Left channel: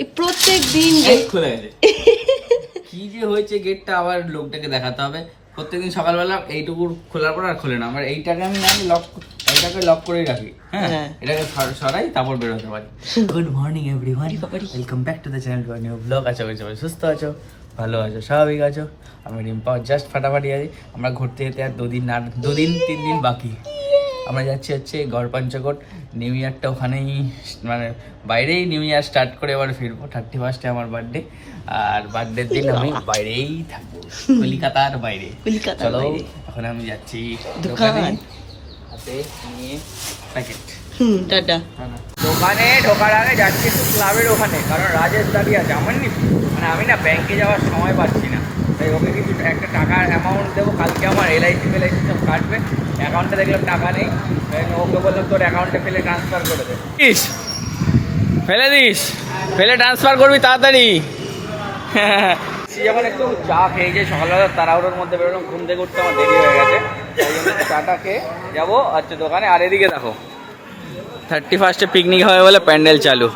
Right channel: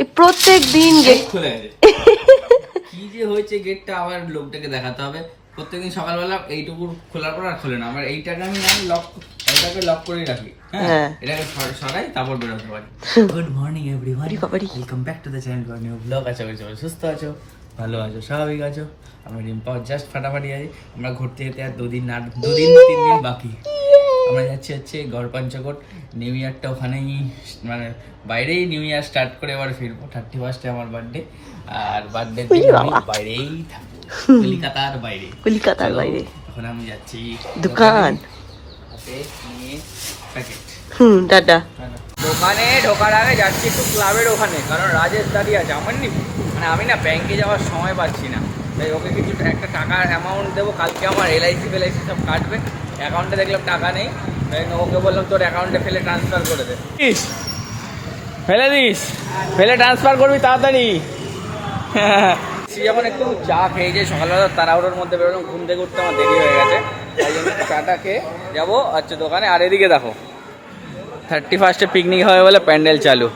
এই প্রত্যেক দিন গেট খুলে গেছে। কি যে হয়েছে গেটটা আবার লোকটাকে দেখাতে হবে। প্রত্যেকদিন সকালবেলা এইটুকু খোলার পর আর খোলে না। আমার এইটাকে আমি এটাকে লক করেই রাখি। হ্যাঁ, এটাকে সরাই তারপর বেরোতে পারি। Good morning everyone, welcome back to the channel to new blog. আছো সবাই সুস্থ আছো, ভালো আছো, স্বাভাবিক আছো। আমি রিম্পা জাস্ট ফাটাফাটি আছি। আমরা ঘুরতে যেতে আর 3 দিন বাকি। আমরা যাচ্ছি গড় পঞ্চকোট। নিউ ইয়ারটা ওখানেই, মানে বাইরেই নিউ ইয়ার স্টার্ট করে এবার ফিরবো। 31 আমার বার্থডে, আর বার্থডের দিন আমি বাইরেই থাকবো, কলকাতার বাইরে। এখন আমি যাচ্ছি দোকানে নিয়ে প্যাকেট। দাদা দোকানে ঢোকার আগে যাচ্ছি একটু ক্লাবের ওখানে, কারণ রাজেশ দাঁড়িয়ে আছে। আমার মানে আমি না ব্যাংকে যাওয়ার সময় পাচ্ছি না, তাই ওকে কিছু একটা টাকার অ্যামাউন্ট দেবো। কালকে আমার এলআইসি সব কাটবে, অ্যাকাউন্টে দেখলাম টাকা নেই, তাই ওকে বললাম তোর অ্যাকাউন্টে ফেলে ট্রান্সফার করে দে। ফেলে ট্রান্সফার করবি তাড়াতাড়ি। যখন একটু চা খেয়ে যাই সকালবেলা, তাড়াহুড়োর মধ্যে বেরোলাম, ঘুম থেকে উঠতে আমার দেরি হয়ে গেছে, তাই জন্য চাটা খেয়ে যাবো দোকানে। আর এদিকে দেখো 31 পিকনিক হবে বলে প্যান্ডেল চালু,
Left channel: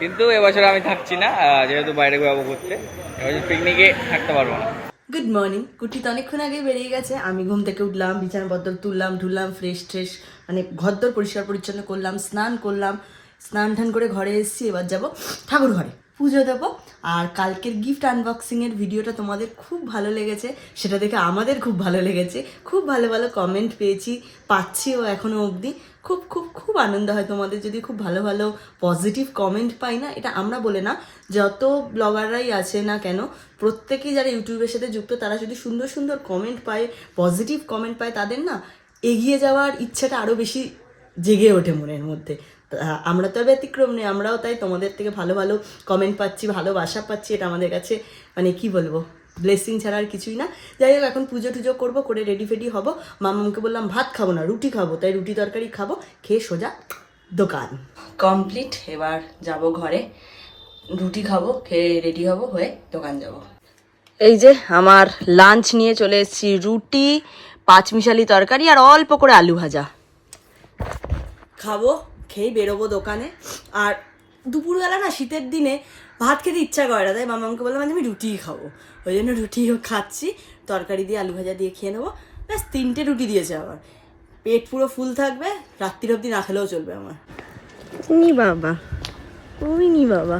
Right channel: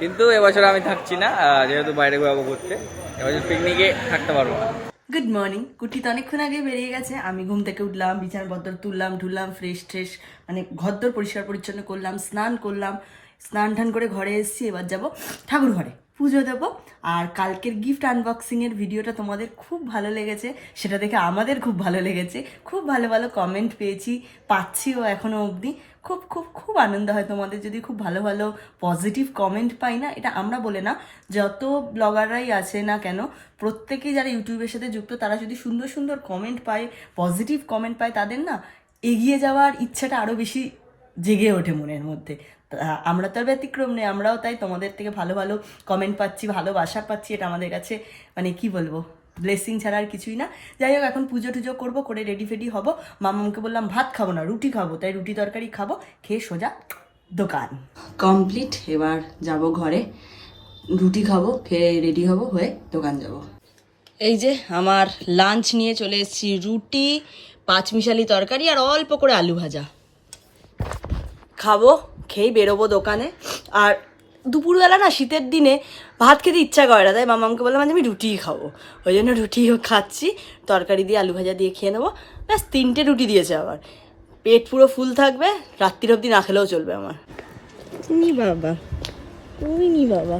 কিন্তু এবছর আমি থাকছি না, যেহেতু বাইরে যাবো ঘুরতে। এবছর পিকনিকে থাকতে পারবো না। Good morning. কুটি তো অনেকক্ষণ আগে বেরিয়ে গেছে। আমি ঘুম থেকে উঠলাম, বিছানাপত্র তুললাম, ঢুললাম, ফ্রেশ মানে ঘরদোর পরিষ্কার পরিচ্ছন্ন করলাম, স্নান করলাম, স্নান টান করে ঘরে এসেছি। এবার যাব ঠাকুর ঘরে পুজো দেবো। আর কালকের গিফট আনবক্সিংয়ের ভিডিওটা তোমাদের খুব ভালো লেগেছে, সেটা দেখে আমাদের খুব ভালো লেগেছে। খুব ভালো ভালো কমেন্ট পাচ্ছিও এখনও অবধি। খুব খুব খুব আনন্দ হয় তোমাদের যদি খুব ভালো ভালো পজিটিভ কমেন্ট পাই না। এটা আমরা বলে না, যত ব্লগাররাই আছে না কেন, প্রত্যেকেই যারা ইউটিউবের সাথে যুক্ত, তারা যদি সুন্দর সুন্দর কমেন্ট পায়, পজিটিভ কমেন্ট পায়, তাদের না এগিয়ে যাওয়ার ইচ্ছাটা আরও বেশি জেগে ওঠে মনের মধ্যে। আমরা তো আর ব্যতিক্রম নেই, আমরাও তাই তোমাদের থেকে ভালো ভালো কমেন্ট পাচ্ছি, ভালোবাসা পাচ্ছি। এটা আমাদের কাছে মানে কি বলবো, ব্লেসিং ছাড়া আর কিছুই না। যাই হোক, এখন পুজো টুজো করবো, করে রেডি ফেডি হবো। মামাকে বললাম ভাত খাবো না, রুটি খাবো, তাই রুটি তরকারি খাবো, খেয়ে সোজা দোকান। কমপ্লিট, এবার যাব ঘরে, রুটি খাবো, খেয়ে রেডি হবো, হয়ে দোকান যাব। এই যে আমার লাঞ্চ নিয়ে চলে এসেছি, রুটি, পাঁচমিশালি তরকারি আর অল্প করে আলু ভাজা। খাবো, খেয়েই বেরোবো দোকানে। আর দুপুরবেলা না শীতের দিনে ভাত খেতে ইচ্ছা করে না, তাই মামাকে বললাম আমি রুটিই খাবো, ওই জন্য রুটিও খাচ্ছি। তরকারি দিয়ে আলু ভাজা দিয়ে খেয়ে নেবো, ব্যাস 3টে রুটি দিয়েছে আবার। পেট পুরো ফুল থাকবে, রাত্রির অবধি না খেলেও চলবে আমার। বাবা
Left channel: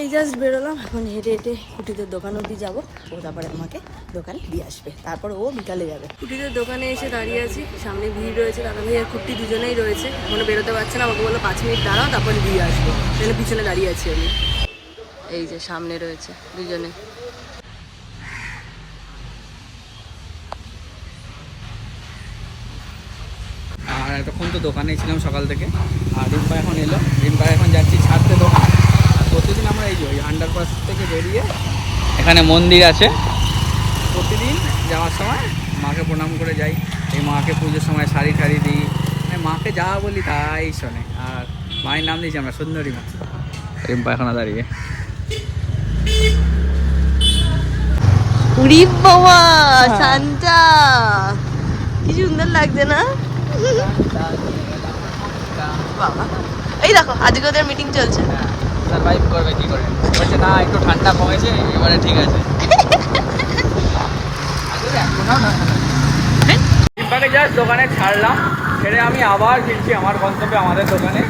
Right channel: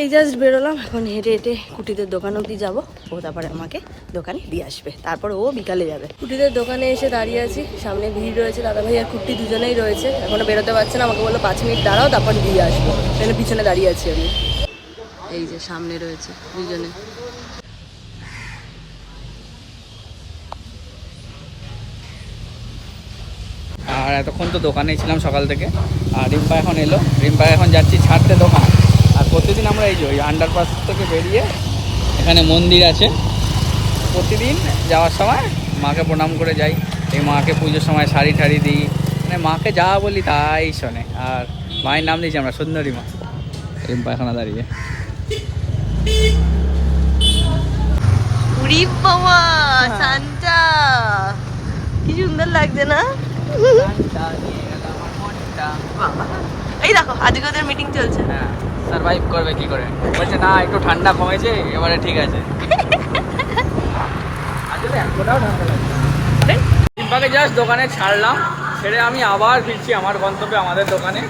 এই জাস্ট বেরোলাম, এখন হেঁটে হেঁটে কুটিদের দোকান অবধি যাবো। ও তারপরে আমাকে দোকানে দিয়ে আসবে, তারপর ও বিকালে যাবে। কুটিদের দোকানে এসে দাঁড়িয়ে আছি, সামনে ভিড় রয়েছে, দাদা ভাই আর কুটি দুজনেই রয়েছে, এখনো বেরোতে পারছে না। আমাকে বললো 5 মিনিট দাঁড়াও, তারপরে দিয়ে আসবো, সেখানে পিছনে দাঁড়িয়ে আছি আমি। এই যে সামনে রয়েছে দুজনে। আর এতক্ষণ তো দোকানেই ছিলাম সকাল থেকে, আর রিম্পা এখন এলো। রিম্পা এখন যাচ্ছি ছাড়তে দোকান। আর প্রতিদিন আমরা এই যে ওই আন্ডারপাস থেকে বেরিয়ে এখানে মন্দির আছে, প্রতিদিন যাওয়ার সময় মাকে প্রণাম করে যাই। এই মাকে পুজোর সময় শাড়ি ঠাড়ি দিই, মানে মাকে যা বলি তাই শোনে। আর মায়ের নাম দিয়েছি আমরা সুন্দরী মা। রিম্পা এখনো দাঁড়িয়ে। উড়ি বাবা, সান্টা কি সুন্দর লাগছে না বাবা। এই দেখো আজকে ওদের মিটিং চলছে। না একটু ঠান্ডা কমেছে এবারে, ঠিক আছে। রিম্পাকে জাস্ট দোকানে ছাড়লাম, ছেড়ে আমি আবার ফিরছি আমার গন্তব্যে, আমাদের দোকানে।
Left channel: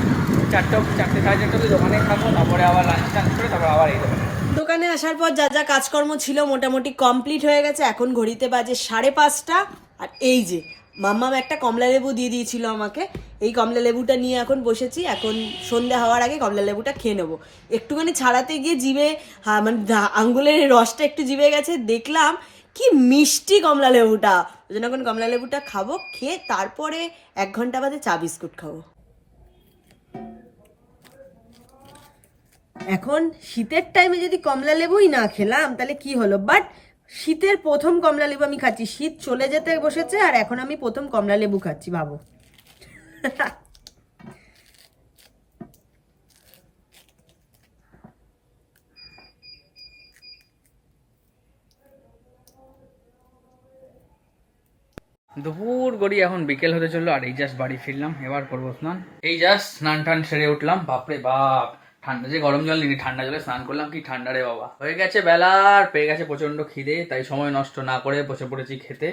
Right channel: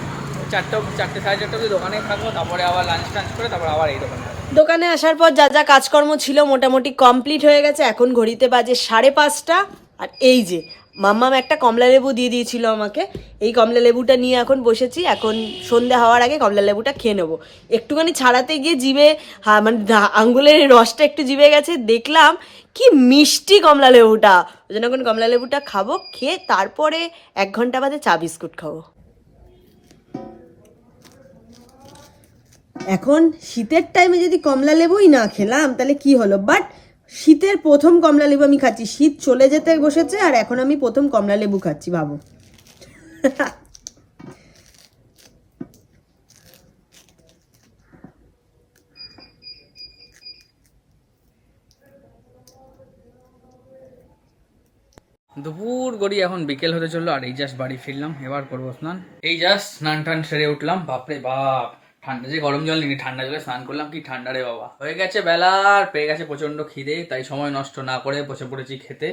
4টে সাড়ে 4টে অবধি দোকানেই থাকবো, তারপরে আবার লাঞ্চ টাঞ্চ করে তারপর আবার এই দোকানে। দোকানে আসার পর যা যা কাজকর্ম ছিল মোটামুটি কমপ্লিট হয়ে গেছে। এখন ঘড়িতে বাজে 5:30। আর এই যে মাম্মাম একটা কমলা লেবু দিয়ে দিয়েছিল আমাকে, এই কমলা লেবুটা নিয়ে এখন বসেছি। এখন সন্ধে হওয়ার আগে কমলা লেবুটা খেয়ে নেবো। একটুখানি ছাড়াতে গিয়ে জিভে মানে আঙ্গুলের রসটা একটু জিভে গেছে, দেখলাম কি মিষ্টি কমলা লেবুটা, ওই জন্য এখন কমলা লেবুটা খাবো, খেয়ে তারপরে 1 ঘন্টা বাদে চা বিস্কুট খাবো। এখন শীতের টাইমে যদি কমলা লেবুই না খেলাম তাহলে কি হলো, বাট শীতের প্রথম কমলা লেবু আমি খাচ্ছি। শীত চলে যেতে বসেছে আর এখন আমি প্রথম কমলা লেবু খাচ্ছি, ভাবো। দুপুর গড়ি এখন বিকেল হতে চললো, আর এই জাস্ট বাড়ি ফিরলাম, এবার করবো স্নান। এই জাস্ট স্নান টান সেরে উঠলাম, বাপরে বাপ ঠান্ডা যে গরম জল নিনি, ঠান্ডা জলে স্নান করলাম, কি ঠান্ডা রে বাবা। হয়ে গেছে বেলা, আর পেয়ে গেছে প্রচন্ড খিদে, তাই সময় নষ্ট না করে বসে পড়েছি খেতে।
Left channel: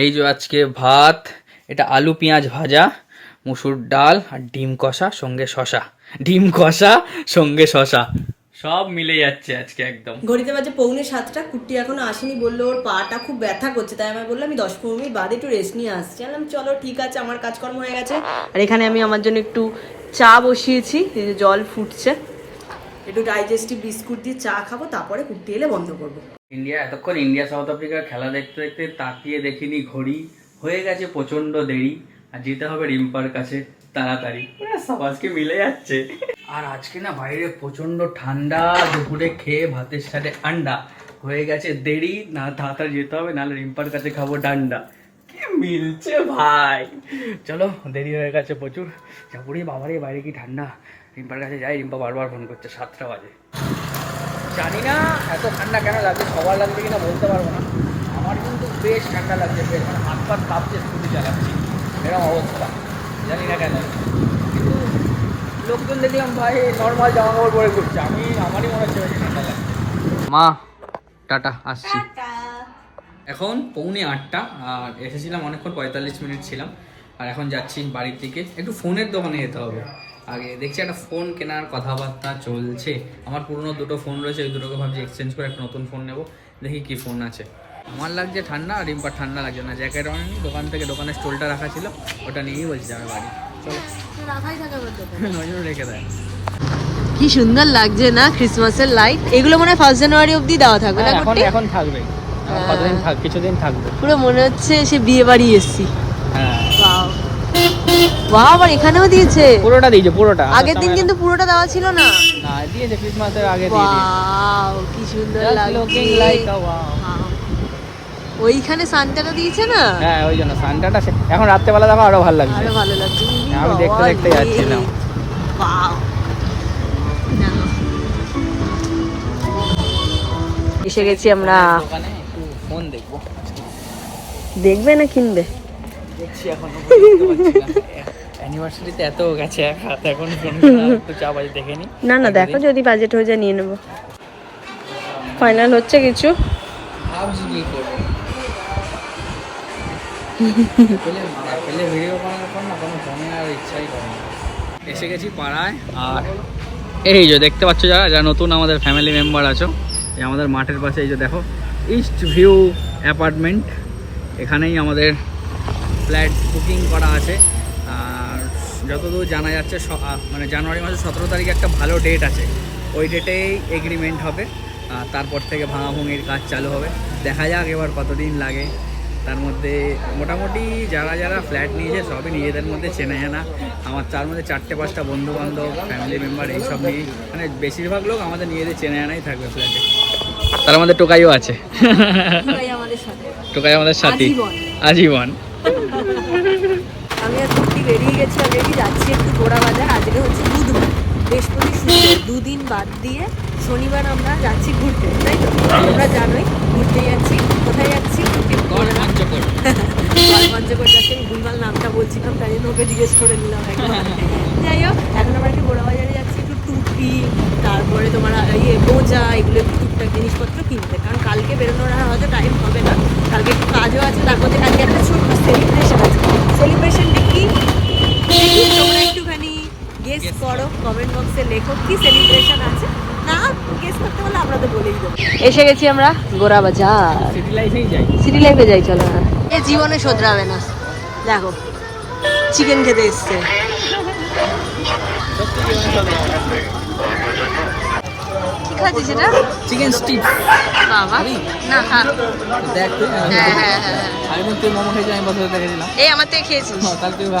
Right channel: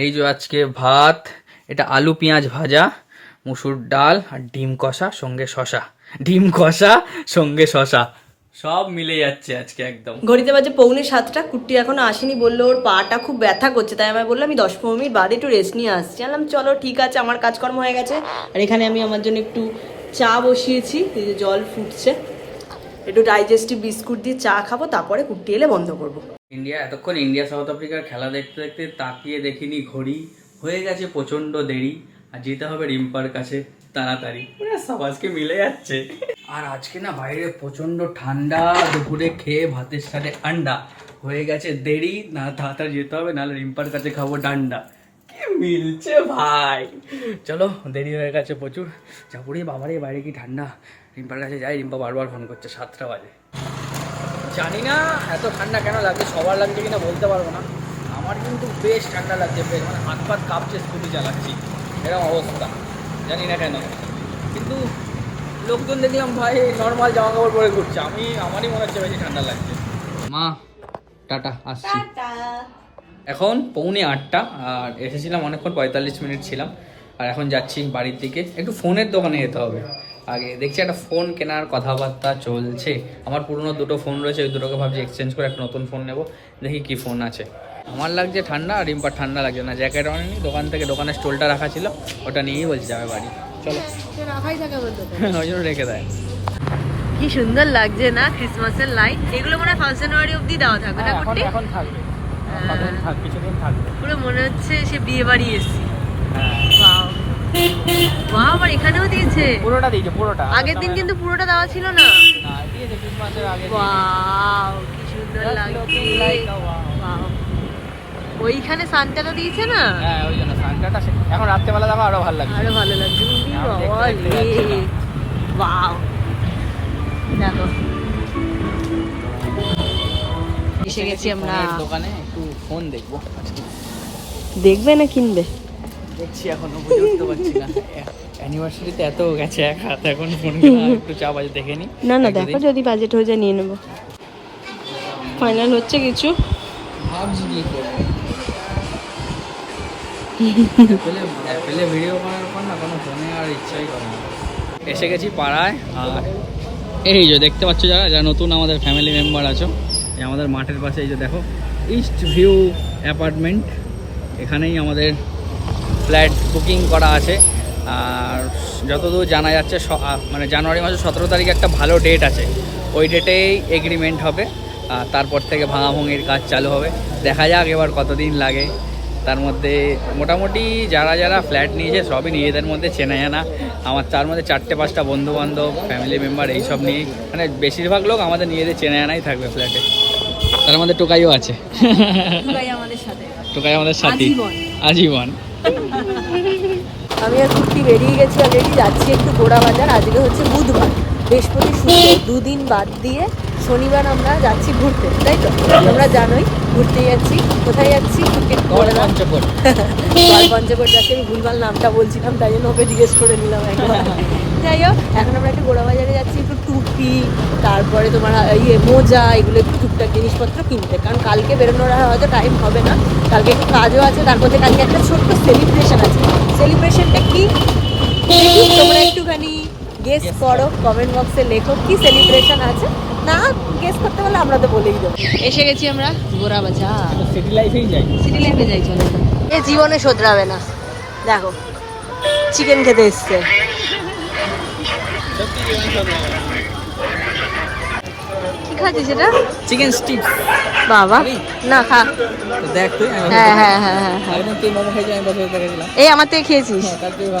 এই যে আজকে ভাত, এটা আলু পেঁয়াজ ভাজা, মুসুর ডাল আর ডিম কষা সঙ্গে শশা, ডিম কষা সঙ্গে শশা, সব মিলে যাচ্ছে আজকে একদম। ঘড়িতে বাজে 6:45, কুট্টি এখনো আসেনি, বললো ওর পাটা খুব ব্যথা করছে, তাই আমি বললাম আমি 10-15 মিনিট বাদে একটু রেস্ট নিয়ে আসছি। বললাম চলো ঠিক আছে, আমার কাজকর্ম হয়ে গেছে। আর এখানে আমি আমার জন্য একটু চা বসিয়েছি, এই যে জল ফুটছে, একটু ডাইজেস্টিভ বিস্কুট দিয়ে চা খাবো, তারপরে কুট্টি এলে বন্ধ করবো। এতক্ষণ ইন্ডিয়া সাউথ আফ্রিকার খেলা দেখতে দেখতে তাকিয়ে দেখিনি ঘড়ি, হয়ে গেছে প্রচন্ড দেরি, আর যেতে হবে রিম্পার কাছে তাড়াতাড়ি। সব আজকে মিলে যাচ্ছে। আর আজকে না বাইরে প্রচন্ড ঠান্ডা, দুপুরে খেয়ে ভাতের সাথে আন্ডা, হয়ে গেছে দেরি, না তাড়াতাড়ি যেতে হবে, নাহলে রিম্পার কাছে খাবো ডান্ডা। কি মিলছে ভাই, চলো দেরি হয়ে গেছে প্রচুর। যাবুরে বাবারে বাইরে কি ঠান্ডা, রিম্পার কাছে যাই, রিম্পা বারবার ফোন করছে, 7টা বাজে। জানি না এত ঠান্ডা কেন লাগছে, সবার লাগছে কিনা বলতে পারবো না, আমার কিন্তু বেশ ঠান্ডা লাগছে, বেশ মানে হাত পাত কাঁপছে, স্কুটি চালাচ্ছি এরকম অবস্থা, জানি না কেন। কিন্তু লোকজন দেখলাম ভাই নর্মাল জামা কাপড় পরে ঘুরছে, আমারই মনে হচ্ছে বেশি ঠান্ডা লাগছে। মা টাটা, আসছি। এখন 7:45, আর এসেছিলাম অনেকক্ষণ, 45 মিনিট ছিলাম, আর এখন যাচ্ছি বাড়ির দিকে। একটু ফোনের দোকানে যেতে হবে আগে, দেখছি একটা ফোন কেনার কথাবার্তা চলছে। আমার পুরনো 2টো ফোন রয়েছে, ওই 2টোকে ভাবছি এক্সচেঞ্জ করে একটা নতুন ফোন নেবো, দেখি কি ফোন আছে। আমার লাগছে ঠান্ডা, আর রিম্পার ঠান্ডা লাগছে না, জ্যাকেট আনেনি দোকান থেকে, দোকানের স্টোলটা রাখা ছিল, ওটা নিয়েই বলছি যাবে বাড়ি, চলো। রাখাই থাকে ওই জন্য রেখে দেয়। কি সুন্দর লাগছে না ক্রিসমাসের লাইট, এগুলো মনে হয় 1 জানুয়ারি অবধি দেওয়া থাকবে না? এখন থাকবে, কিছুদিন থাকবে। পুরো মনে হচ্ছে সে বিয়ে বাড়ি এসছি। হ্যাঁ ওয়াও ওয়াও, আবার এখানেও দিয়েছে, পুরোটা দিয়েছে, পুরোটা। আগের দিন কিন্তু পুরোটা দেওয়া ছিল না। না দিয়েছে, ক্রিসমাসের আগে দিয়েছে। ওয়াও কি সুন্দর লাগছে। ওয়াও, ওইখানে সান্টাটা দিয়েছে না? হ্যাঁ ওই জন্য সান্টাটা এখন রাত্রেবেলা দেখো আরো ভালো লাগছে, আরো ভালো লাগছে। আমি দেখতে যাচ্ছিলাম। ওয়াও, দেখো এসে গেছি আমরা। দোকানে একটু ফোন দেখবো, দেখবে না কিনবে? দেখছি এখন অ্যানিভার্সারিতে এত গেছে এক হাত, এখন ফোন একটু চা বাজে দেখে নি। না না দেখো, যদি বাজেট হয়ে যায় নিয়ে নেবো। ফাইনাল হচ্ছে কিছু, ভাবছি কি করবো। পেলে ভিডিও করার পর না কোনো ফোনে আর ইচ্ছাই করে না। এসে গেছি পাড়ায়, আর এই যে দেখতে পাচ্ছ যারা নতুন আমাদের ফ্যামিলি মেম্বার আছো, এই আমাদের মাঠের পাশে এই যে দেখো ইস্ট ভিউ অ্যাপার্টমেন্ট, এখানেই আমাদের ফ্ল্যাট বুকিং করা আছে। আর যতদূর জানা যাচ্ছে মানে জানুয়ারি মাসের 17 তারিখে একটা ভালো ডেট আছে, ওই ডেটেই এগ্রিমেন্ট হবে, আর তারপর থেকে ভাঙাভাঙির কাজ চালু হবে। দেখা যাক এবার কতদিন লাগে। তার মধ্যে মোটামুটি যারা যারা ফ্ল্যাট নিয়েছে সবই নিজেদের মধ্যে চেনা জানা, আমার তার মধ্যে 4-5টা বন্ধু বান্ধব ফ্যামিলি মেম্বার এইসব নিয়েই, মানে বেশিরভাগ লোক আমাদের নিজেদের চেনা জানাই থাকবে ফ্ল্যাটে। তার মধ্যে টোকাইও আছে, টোকাই আমাদের সাথী আজীবন। আমি আর কুর্তি বেরিয়ে গেছি অলরেডি, যাচ্ছি একটু গোড়া বাজার। আজকে হচ্ছে বুধবার, বৃহস্পতি শুক্র 2 দিন বাদ দিয়ে শনিবার আমরা যাচ্ছি ঘুরতে, তাই তো? তোমরা জানোই ঘুরতে যাচ্ছি। কোথায় যাচ্ছি? পঞ্চকোট। পঞ্চকোট যাচ্ছি, আমি ভুলভাল নামটা বলছিলাম, তাই জন্য ওকে জিজ্ঞেস করে নিলাম একবার। যাই হোক, এখন আমরা একটু গোড়া বাজারে যাচ্ছি, একটু টুপি, তারপরে তোমার মোজা, এগুলো একটু টুকটাক জিনিসপত্র কিনতে, কারণ কালকে বেরোনোর আর হয়তো টাইম হবে না। কালকে একটু কাজও আছে, তার মধ্যে কালকে একটা ছোট্ট সেলিব্রেশন আছে। সেলিব্রেশনটা কি দেখি তোমরা একটুখানি গেস করো, কমেন্ট বক্সে লেখো কি সেলিব্রেশন আছে। না গেস করতে পারলে আমরা তো বলেই দেবো। এসে গেছি আমরা গোড়া বাজার, সিটি লাইফেই যাই, সিটি লাইফে যাই, চলো না। এ জীবনে শোধরাবে না, দেখো চিকেন খেতে এসছে। কি খাচ্ছিস এটা? Chicken stick. বাবা না খা, দেখ তুই। হ্যাঁ হ্যাঁ হ্যাঁ, আগের তুই মোমো খেয়েছিস, আমি বছর দেখেছিলাম। এই আমার থেকে খেয়েছিস?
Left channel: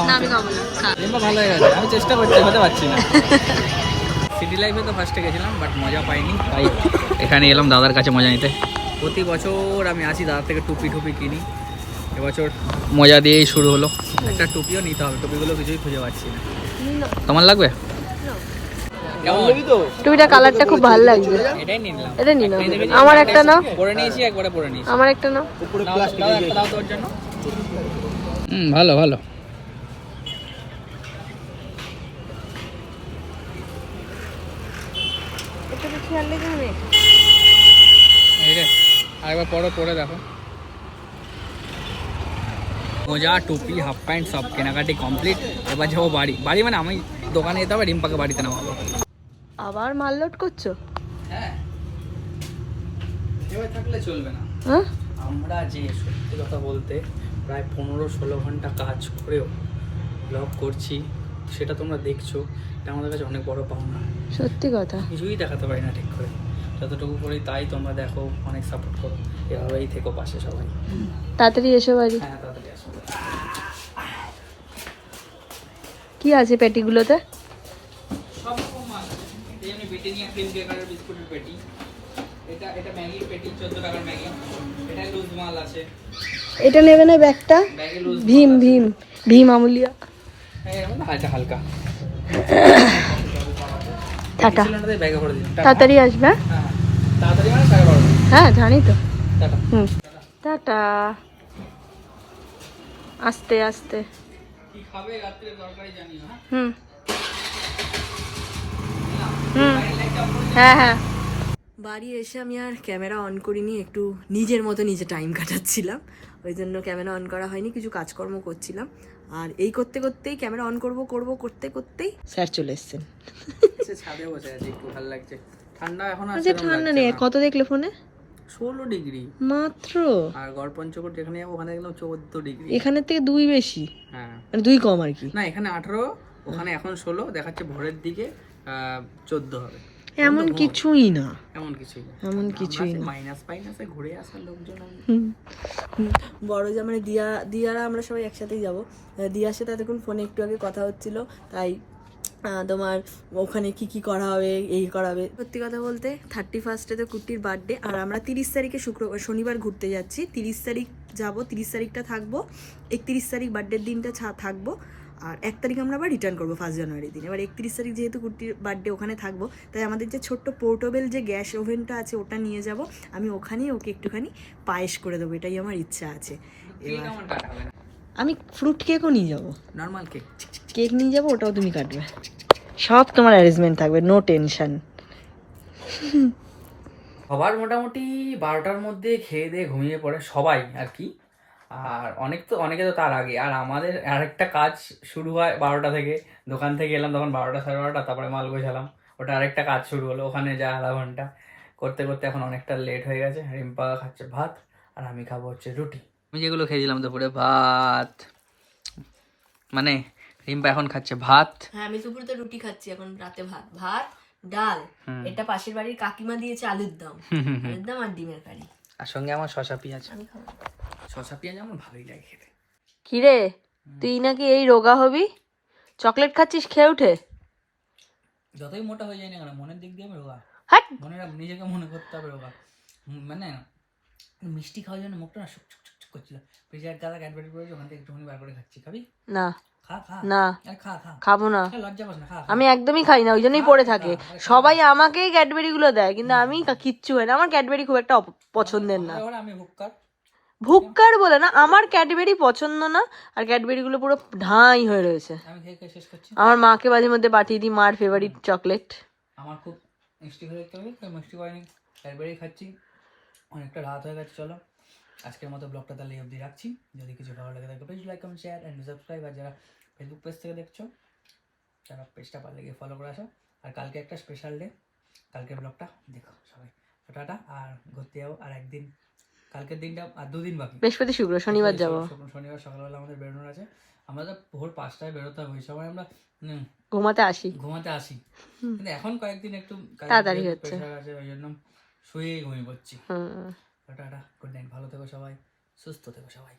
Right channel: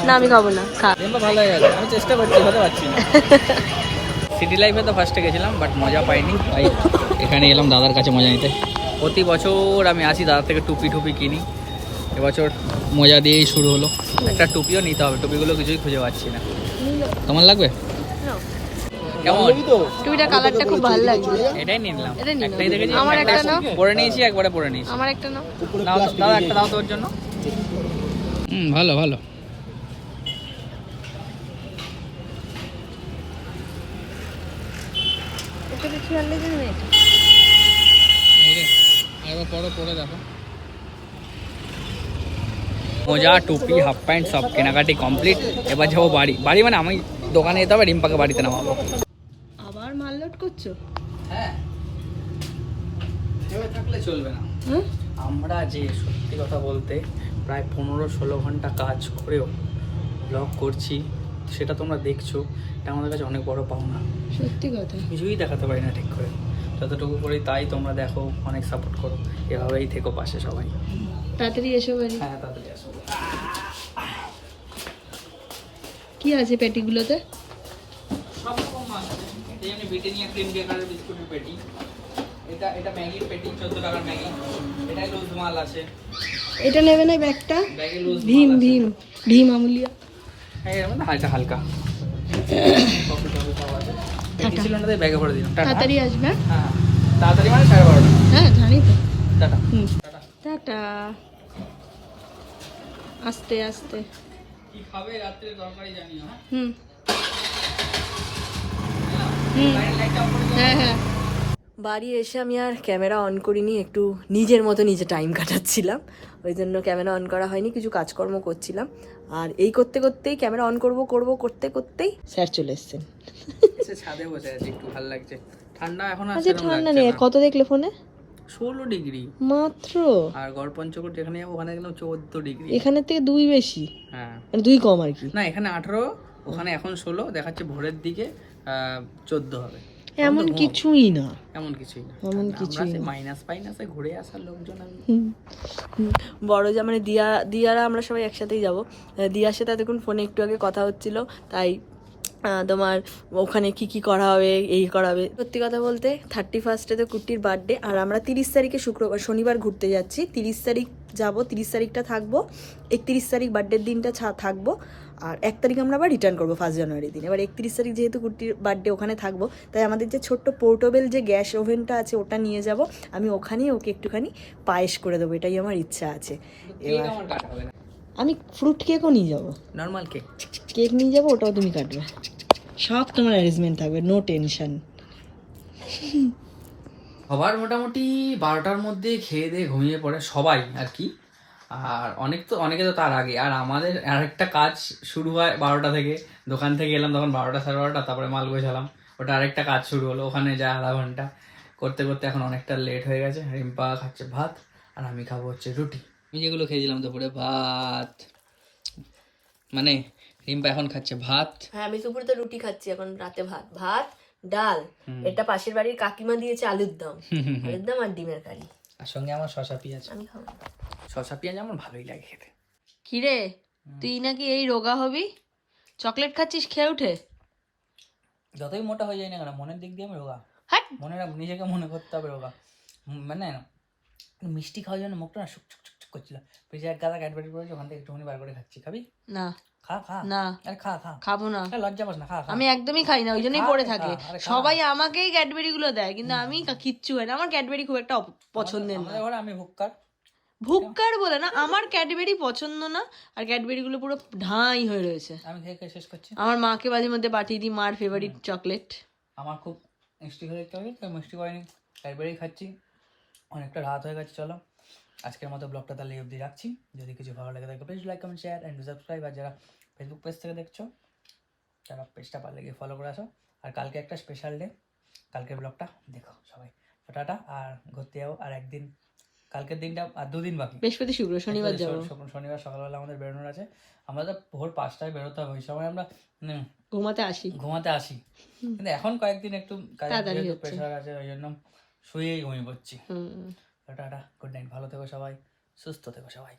না আমি খাবো না, খা। ভালো হয়ে গেছে, আমি চেষ্টা করছি, হতে পারছি না। সিটি লাইফে তো ফার্স্টে গেছিলাম, বাট মজা পাইনি, তাই এখানে এলাম দাদার কাছে মজা নিতে। প্রতি বছর আমি আসি দাদার থেকে টুপি কিনি, এবছর মজা দিয়েই শুরু হলো। একটা টুপিও নিতে হবে, টুপিগুলো কিছুই খুঁজে পাচ্ছি না। তোমার লাগবে? টুপিটা কালারটা খুব ভালো লাগছে, এটাই নিলাম। এটা নিলাম। আমার একটা নাও। পরে নিয়েছি, একবারে পরে নিয়েছি। আমার একটা নাও। একটা নাও তোর জন্য। ভালো ভালো। এই রে আরেকবার পরে দেখো। মোজা, টুপি, হাফ প্যান্ট সব কেনাকাটি কমপ্লিট। এবার যাবো বাড়ি। মানে আমি দোকানে যেতে হবে, রিম্পাকে বাড়িতে নামাবো। আবার মাল লোড করছো? হ্যাঁ, এভাবে থাকলে চলবে না। আমরা যে সত্যি কথা বলতে প্রায় 15-16 ঘন্টা কাজ করেও ব্লগ করছি, সেটা তোমরা দেখছো, এটা আমাদের কাছে অনেক বড় পাওনা। সত্যি কথা, কিছুই দেখাতে পারি না ঠিক করে, যতটুকু করি তাই তোমরা দেখো, অনেক সাপোর্ট করো। এভাবেই থেকো পাশে সবাই। তাড়াতাড়ি এসো বাড়ি। হ্যাঁ, তাড়াতাড়ি আসো। কি আছে পেটিগুলোতে? সব রকম মাছ আছে। এই জন্য ব্রিটানিয়া ক্রিম ডেকারের বিস্কুটের পেটি। এটা ম্যাগির পেটি, 14 টাকার ম্যাগি। এটা লুজ মাল আছে। এটা নেবে না ব্যাগটা? ব্যাগে লুজ ভীম আমুলিয়া। হ্যাঁ, এরকম না, এটা হালকা। টাটা, সিলিন্ডারে ব্যাগে ভরে দিন। তাড়াতাড়ি আসবে। হ্যাঁ, তাড়াতাড়ি মানে 12:30। হ্যাঁ জানি তো। টাটা। টাটা, আস্তে আস্তে। কি খাবে রাত্রে তরকারি জানিও। হ্যাঁ হ্যাঁ। বাড়ি এসে আমি আর ক্যামেরা অন করিনি, একটু নিজের মতো নিজে টাইম কাটাচ্ছিলাম, ওই জন্য ক্যামেরা অন করা হয়নি, কিছু কাজকর্ম করছিলাম। আর এই করতে করতেই ক্যামেরা অন করতে করতেই স্যার চলে এসছেন। ছাদে বসে আছি, একটু ভালো লাগছে। ঠান্ডা এখন আর আচ্ছা, ঠান্ডা নেই। কত দেখলে ফোনে? 16 ডিগ্রি মাত্র। আর গড়পঞ্চকোট যেখানে যাবো ওখানে একদম 14 ডিগ্রি। এখানের থেকে 2 বেশি। হ্যাঁ, মানে 2 কম আর কি। না, এখানে 18, ওখানে এখন 16 দেখাচ্ছে। ভোরের দিকে 14 হবে। এমন কিছুই না, মাইনাসে ঘুরে আসার লোকজন। বড় যা মানে দিয়ারা আমরা সবাই একসাথেই যাব। দিয়ার সাথে এতক্ষণ ফোনে একটু আগে কথা হচ্ছিল, তাই তোমার ওখানে কি করা হবে, এই করা হবে। সত্যি কথা বলতে 31 তো কুট্টির বার্থডে, আর আমরা 30 তারিখে শনিবার ঘুরতে যাচ্ছি। 30 তারিখ যাব, 30 তারিখটা থাকবো, 31 তারিখ বার্থডের দিনটা থাকবো, আর 1 তারিখ আমরা আবার রিটার্ন করবো 1 জানুয়ারির দিন। এবার 31 তারিখ যেহেতু কুট্টির বার্থডে, ওখানে থাকবো, তাই আমাদের যে ছোট্ট পোর্টেবল যে গ্যাস ওভেনটা আছে ওটা নিয়ে যাব। আমি ওখানেই ওকে একটুখানি পায়েস করে দেবো, এটাই আমার ইচ্ছা আছে। এবার আমি ফ্রুট কেকও নিয়ে যাবো, নর্মাল কেক নিয়ে যাবো, ওটাও তুমি কাটবে, সব তোমার অ্যারেঞ্জমেন্ট থাকবে, নো টেনশন। সবার মোটামুটি 12টার মধ্যে খেয়ে দিয়ে ঘুমিয়ে পড়ে সবাই আর কি। আর অনেকে তো তার আগে। আর আমাদের আরেকটা কাজ শুরু হয় 12টা থেকে। দোকান থেকে এলাম তখন 12টা 12:30, তারপরে মাল গোছালাম, ওটা আরেকটা কাজ শুরু হলো। ওখানে যা আধা ঘন্টা করতে করতে এখন অনেকটা লেট হয়ে গেছে। রিম্পা খাচ্ছে ভাত আর আমি খাবো হচ্ছে রুটি। আমি যেগুলো খেয়েছিলাম দুপুরে ভাত, মানে রিম্পা এখন খাচ্ছে ভাত। হ্যাঁ, আমি দুপুরে তো রুটি খাচ্ছি, এখন রাতে ভাত ডাল। এটা পাশের বাড়ির কাকিমা দিয়েছে আলুর দম আর ডিমের কারি, আর সঙ্গে আমার শসা পেঁয়াজ আমার ভালোই লাগে খেতে। কিরে তুই নাকি এই রোগা হবি, চকলেট খাচ্ছিস খেয়ে উঠে? যতই মোটা হয়ে যায় না কেন, মনের দিক দিয়ে আমি রোগা। হ্যাঁ, নিজেকে মনে করতে হবে রোগা। মানে মিষ্টি খাওয়ার জন্য মুখটা না শুক করছিল। ফ্রিজে এক গাদা ক্যাডবেরি করেছি, ওখান থেকে একটুখানি বার করে খাচ্ছি। খাবি? না খা না, আরে খা খাবো না, লজ্জা পাস না, খা। আমি একদমই খাই না, ওই জন্যই পড়ে থাকে। সবাই আমাকেই ক্যাডবেরি গুলো দেয়, কিন্তু আমি কিচ্ছু হয় না। আমার ক্যাডবেরি খুব একটা পছন্দের না। আমি ভুক্কার বলে না, আমার ক্যাডবেরি পছন্দ না, আর ক্যাডবেরি গুলো পুরো ঢাই হয়ে রয়েছে। আমি খেয়ে শেষ করছি। আমার মাকে মাঝে মধ্যে পাঠিয়ে দিই, মার ফেভারিট চকলেট। আমার খুব মিষ্টি খেয়ে দেখতে হবে, মিষ্টি করিনি, ক্যাডবেরি খাচ্ছি। অনেকটা রাত হয়ে গেছে, চলো আজকের মতো ব্লগটা তাহলে অবধি রাখছি। যদি কিছু ভালো লাগে থাকে please like comment share and subscribe. আর যারা ফেসবুক পেজ থেকে দেখছো, তারা পেজটা পারলে গিয়ে ফলো করে আসো। আর কালকে একটা স্পেশাল ডে, কালকের ব্লগটা দেখো সবাই। টাটা। আর ঘুরতে যাবো আর একদিন, কালকের দিনটা আর 2 দিন বাকি। বৃহস্পতি শুক্র শনিবার যাবো। শনিবার সকালবেলা আমাদের বেরোনোর আছে। আমরা তো ভোর 5টায় বেরোতে হবে, ওই সময় আমরা ঘুমাতে আসি। কিন্তু এখন কয়েকদিন একটু তাড়াতাড়ি হচ্ছে, প্রেশার আছে, ওই জন্য শুয়েই ঘুমিয়ে পড়ছি। টাটা, গুড নাইট, ভালো থেকো সবাই, সুস্থ থেকো সবাই।